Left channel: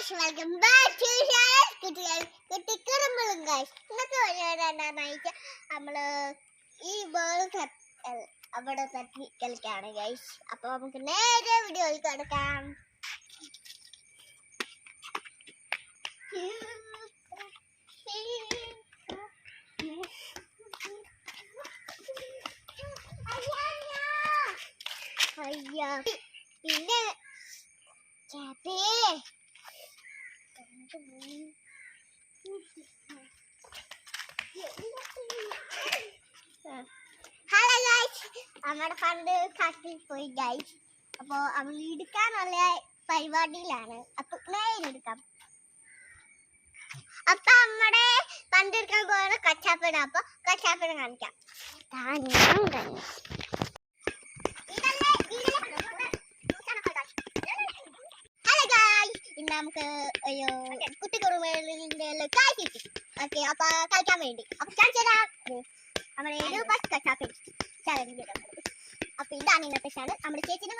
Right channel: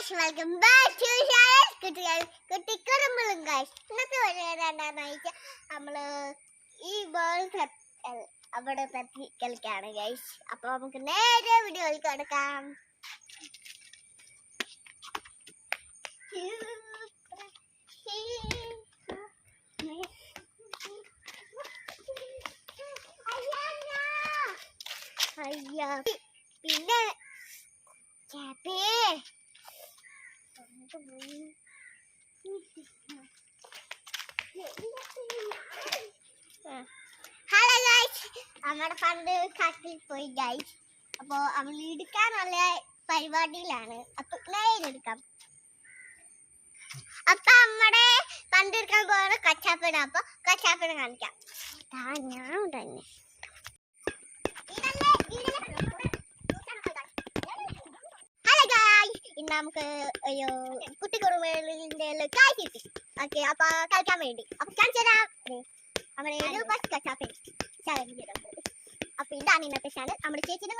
Guys welcome back to channel കുട്ടിക്കുറുമ്പും guys. ഇന്നത്തെ പരിപാടി എന്താണെന്ന് വെച്ചാൽ നമ്മള് ഈ ബോൾ അവിടെ തട്ടി കളിക്കാണ് ഗൈസ്. അപ്പൊ നമുക്ക് നേരെ വീഡിയോയിൽ കിടക്കാം. അയ്യാ പിന്നെ ഹലോ ഗൈസ്, നമ്മുടെ ഫണ്ട് കാട്ടിൽ പോയി ഗൈസ്. അപ്പൊ അവൾ എടുക്കാനുള്ള പരിപാടിയിലാണ്. അപ്പൊ നേരെടുക്കാം. അപ്പൊ നമ്മുടെ ഫണ്ട് എടുക്കാൻ പോകുന്ന കച്ചാപ്പിട. അപ്പൊ കച്ചാപ്പിട കാണിക്കാം. നമുക്ക് ഒരു കുട്ടിക്കുറുമ്പേലിന്റെ കായ് കിട്ടി. ഓക്കെ, അപ്പൊ കളിക്കാൻ വേണ്ടി അപ്പൊ കാണിച്ചതാ നമ്മുടെ ചാലഞ്ച്. അപ്പൊ ഇതാണ് ഇന്നത്തെ ചാനൽ. നമ്മുടെ ചേച്ചിയുടെ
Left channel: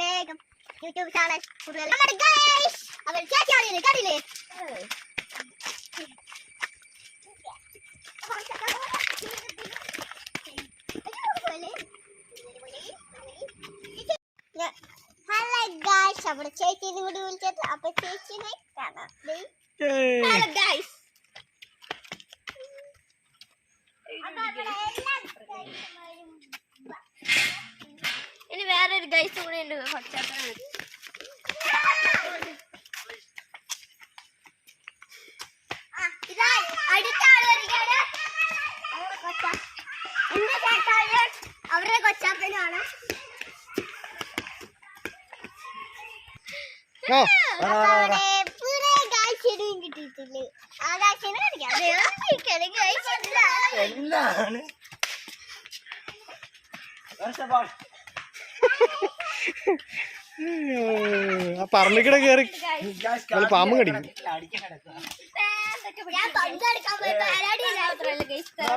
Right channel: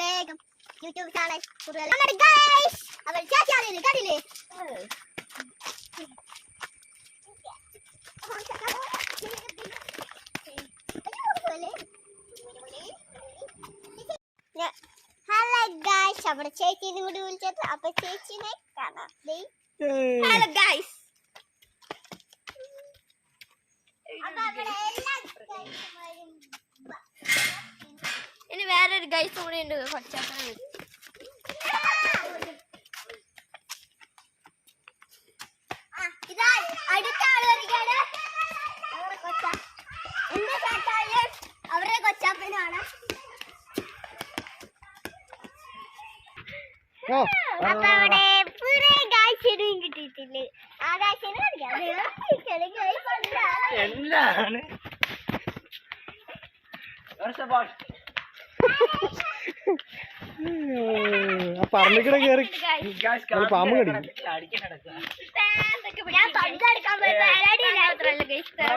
വേഗം യൂട്യൂബ് ചാനൽ അവർ ചേച്ചിയാണ് കണ്ടില്ലേ. ഹലോ ഗൈസ്, നമ്മുടെ ചേച്ചീനെ കൂടി വിളിച്ചത്. അപ്പൊ ചേച്ചിനെ കാണാം. Hello guys. ഇനി വേറൊരു ഗൈസ് കൂടെ ഉണ്ട്. അടുത്ത ആള് വരികയാണ്. അവരുടെ കൊച്ചാപ്പനാണ്. അവിടെ പുതിയ ഗൈസിനും കിട്ടിയിട്ടില്ലേ? ആ ഗൈസിനെ പറമ്പിക്കട കേറി പാമ്പ് കടിക്കും. ഞാൻ പങ്കെടുക്കാൻ പോയി